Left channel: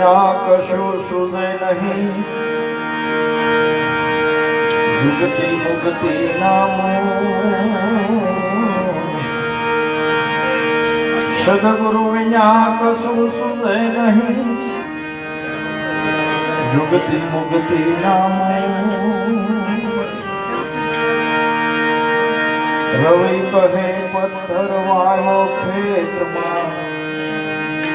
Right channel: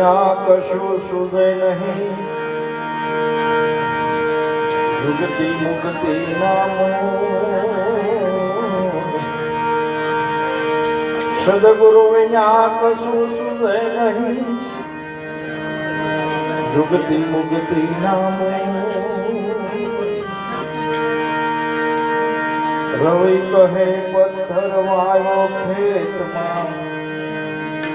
વિના કશું સુધે નહીં મુક્તિ નામ સદગુરુ અહીંયા કશું સુધે નહીં યુગતિ મુક્તિ નામ રવિ કહે પથ્થર માયો ખેતમાં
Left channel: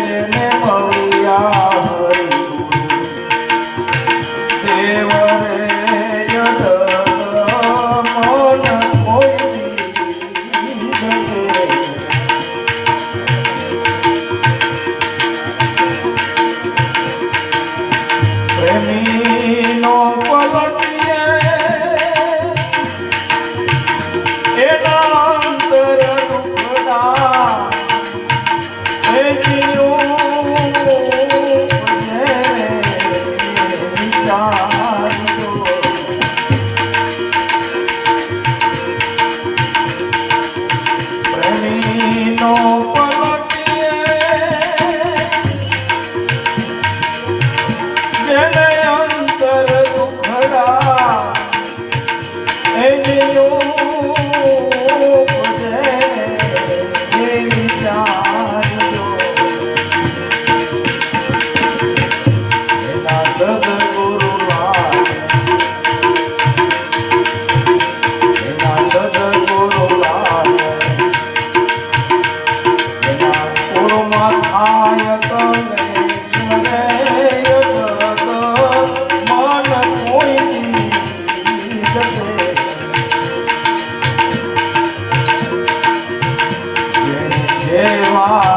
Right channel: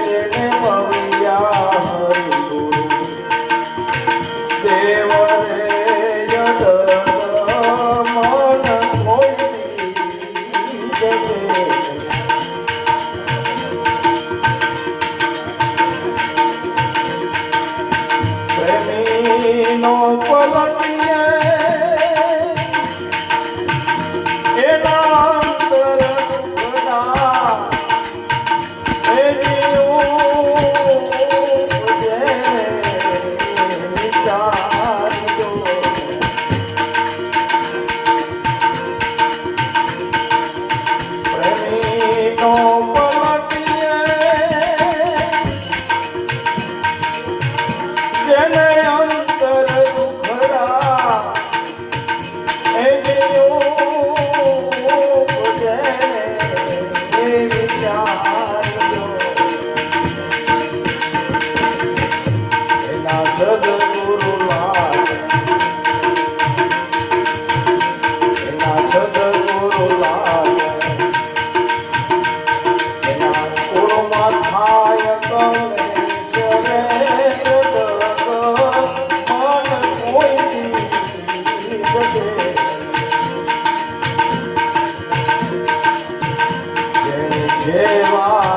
Thank you. જેવા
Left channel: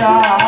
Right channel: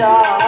Yeah.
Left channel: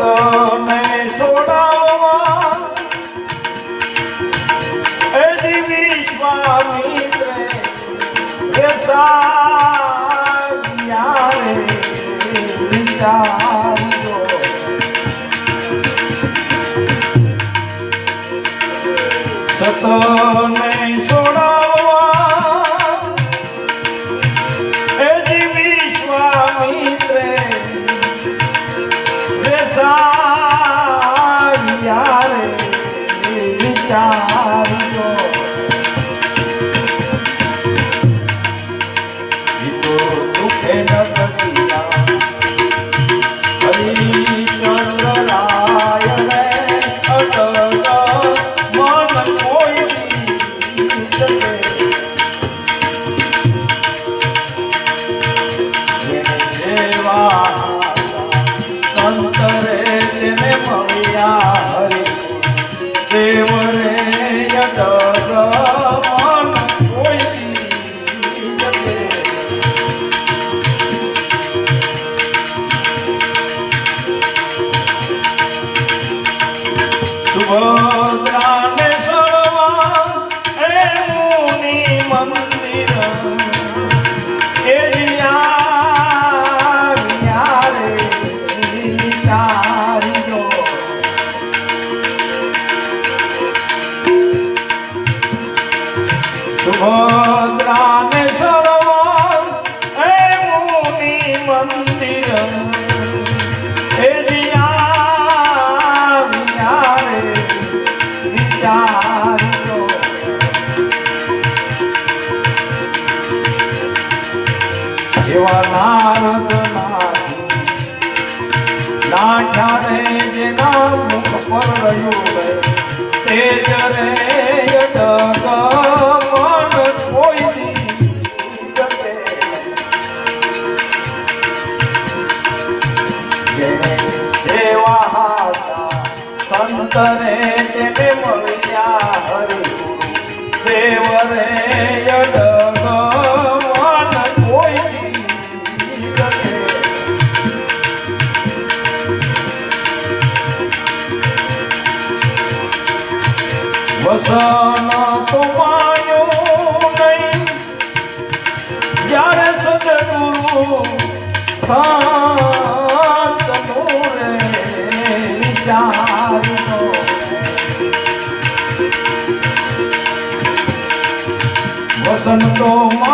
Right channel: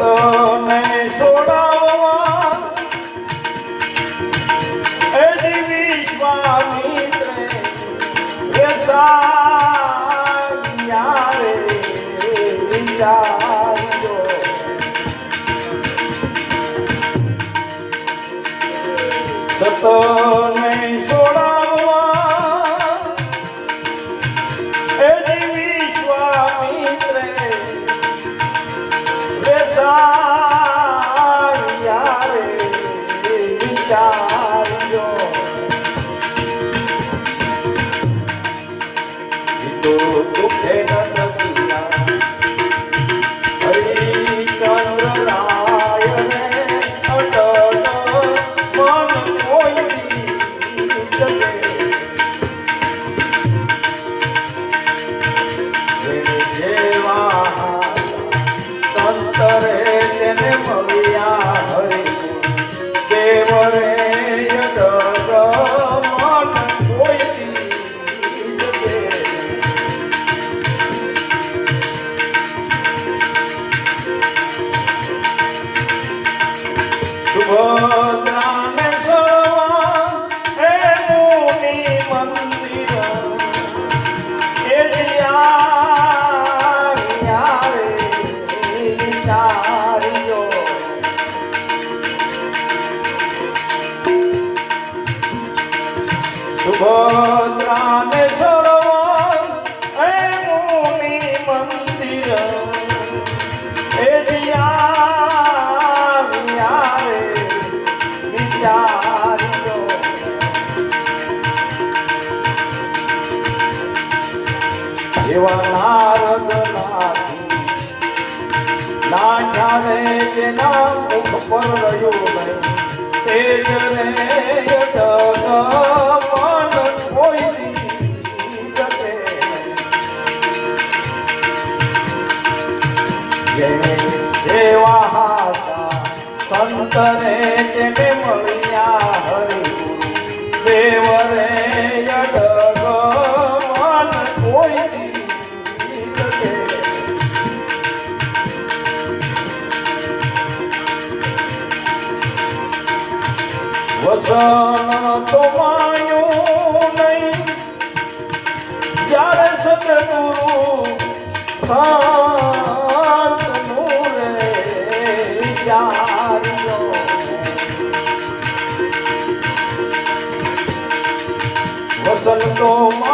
so જેને वतन को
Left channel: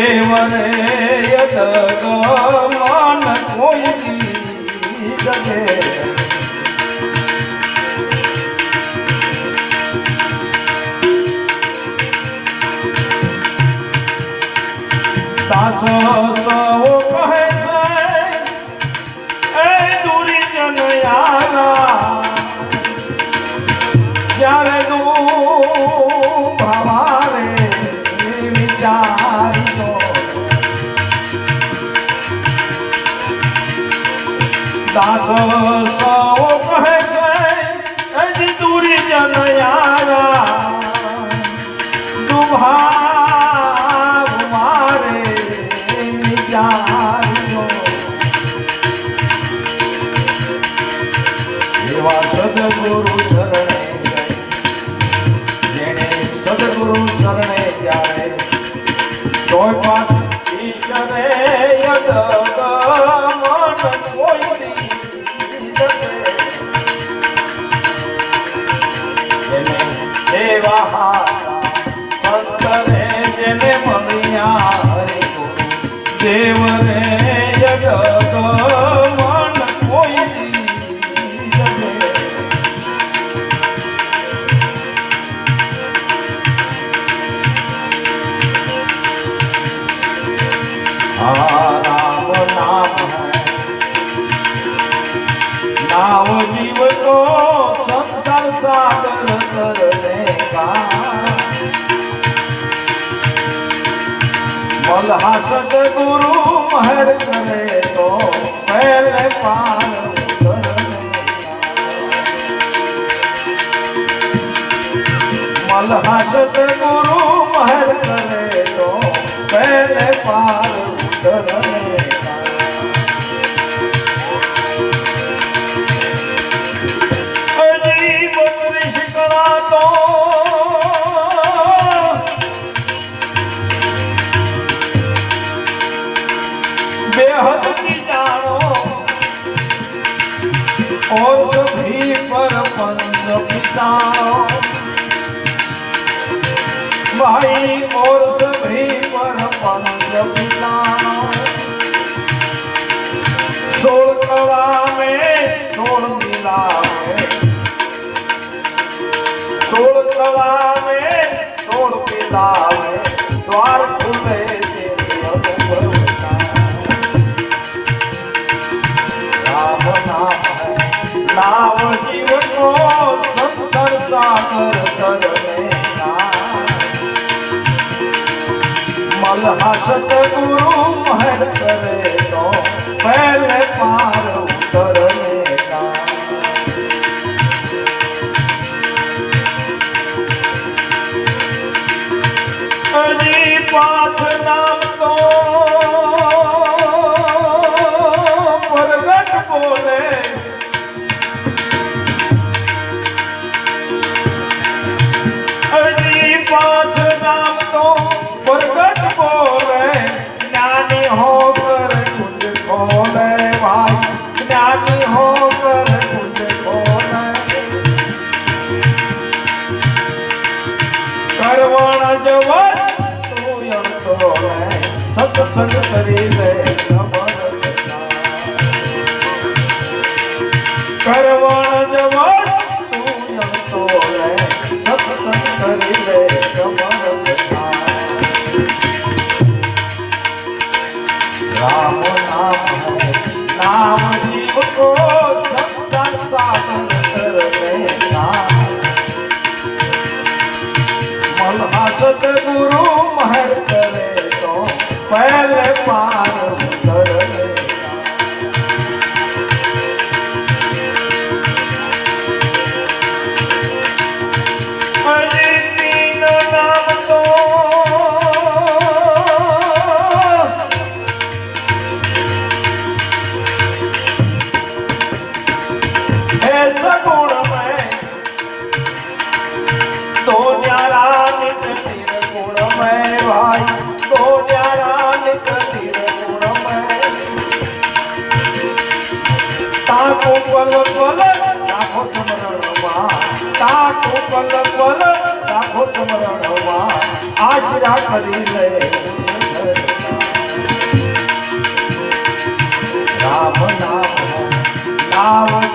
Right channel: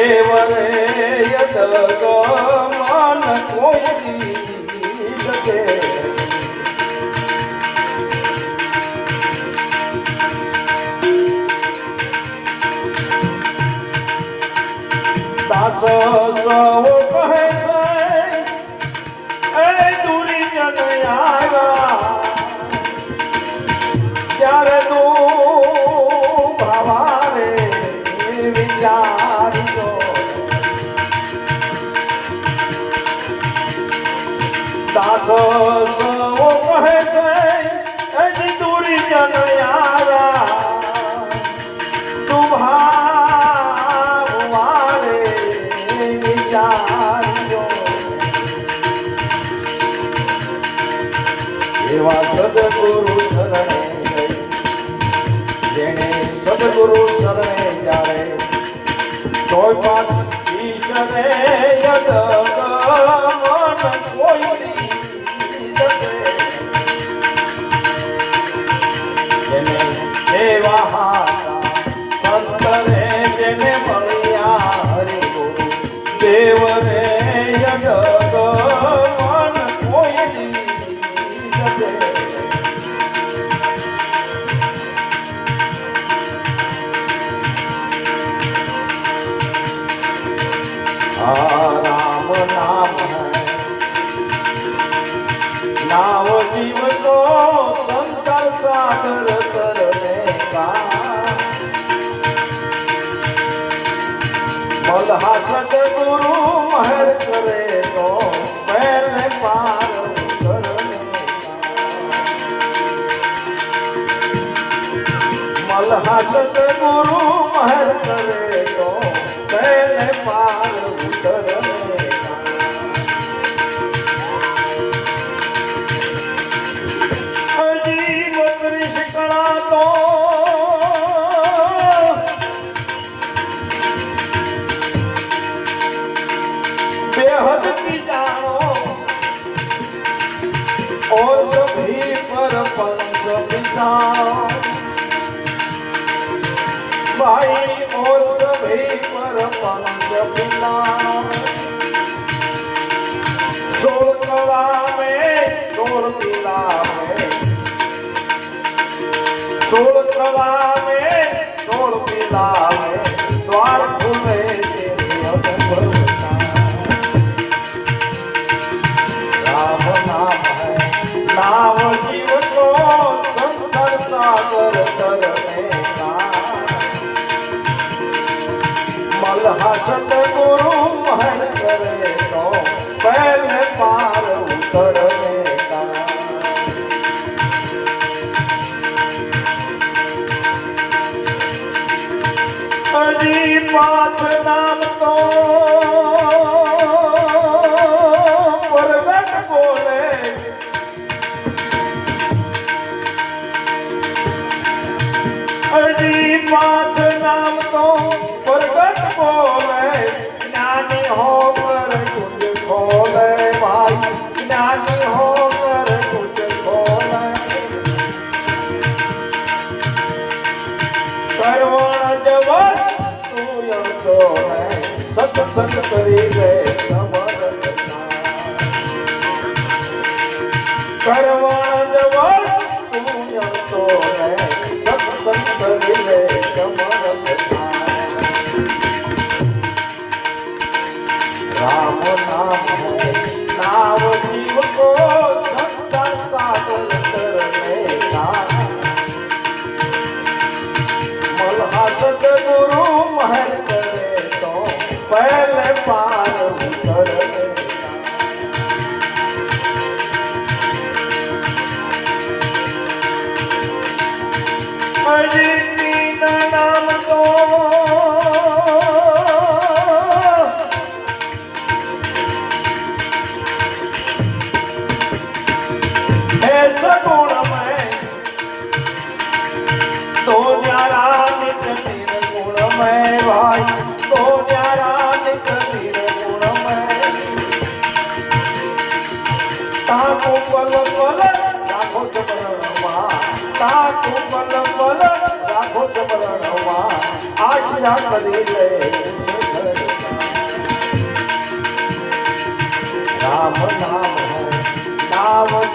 દેવ રે Oh. Dev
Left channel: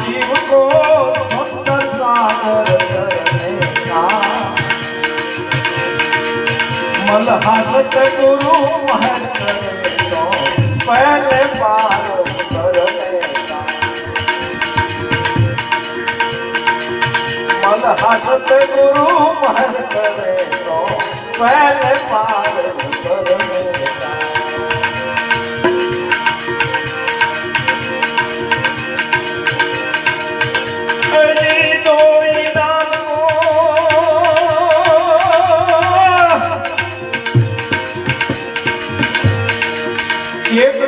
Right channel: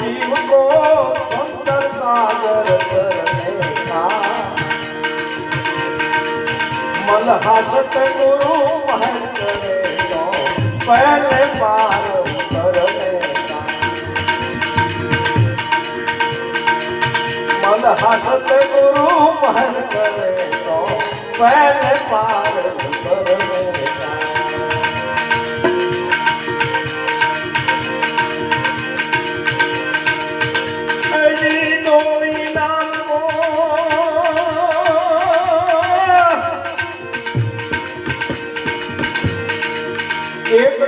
see what go. here.